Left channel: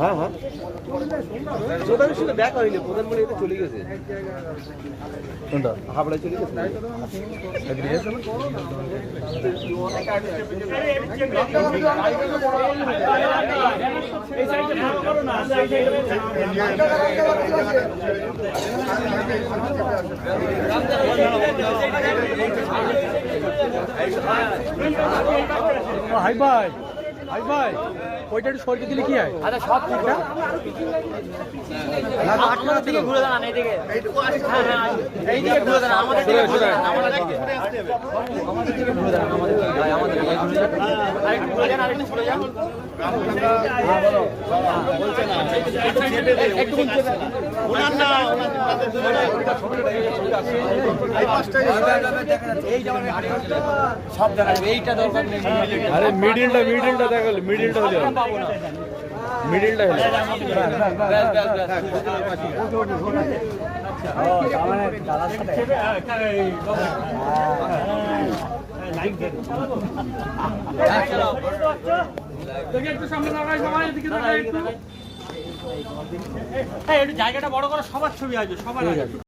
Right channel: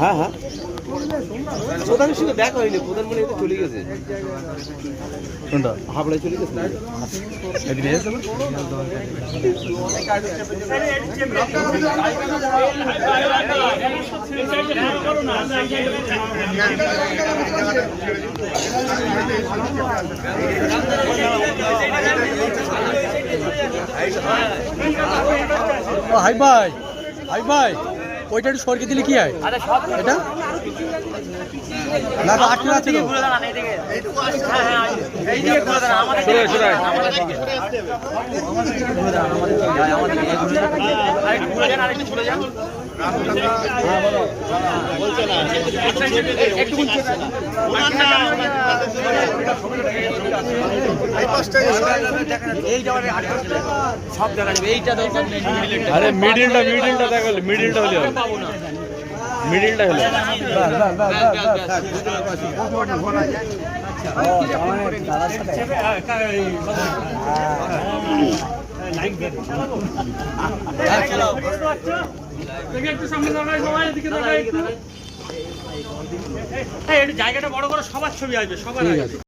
হ্যাঁ হ্যাঁ প্রধানের সঙ্গে দেখা হয়নি, প্রধান মনে এটা চলে গেছে। কোনটা হাবড়ায় চলে গেছে? হাই ভাই, হাই ভাই, ওইটা একটু সরকে দিলে কি হয়? এটা না আটকে আছে কি ঘুরে দাঁড়ান এইদিকে, এইটুকু আসছে। হ্যাঁ এইদিকে ঘুরে দাঁড়ান, ঘুরে ঘুরে হ্যাঁ বলো একটু এই পাঁচটা এই যাওয়ার সব জায়গায় এইটা দরকার। আরে মিডিলটা দেখালে, মিডিলটা হলে হবে, মিডিলটা হলে জায়গাটা বড় করে সবার ছবি আসবে, সবার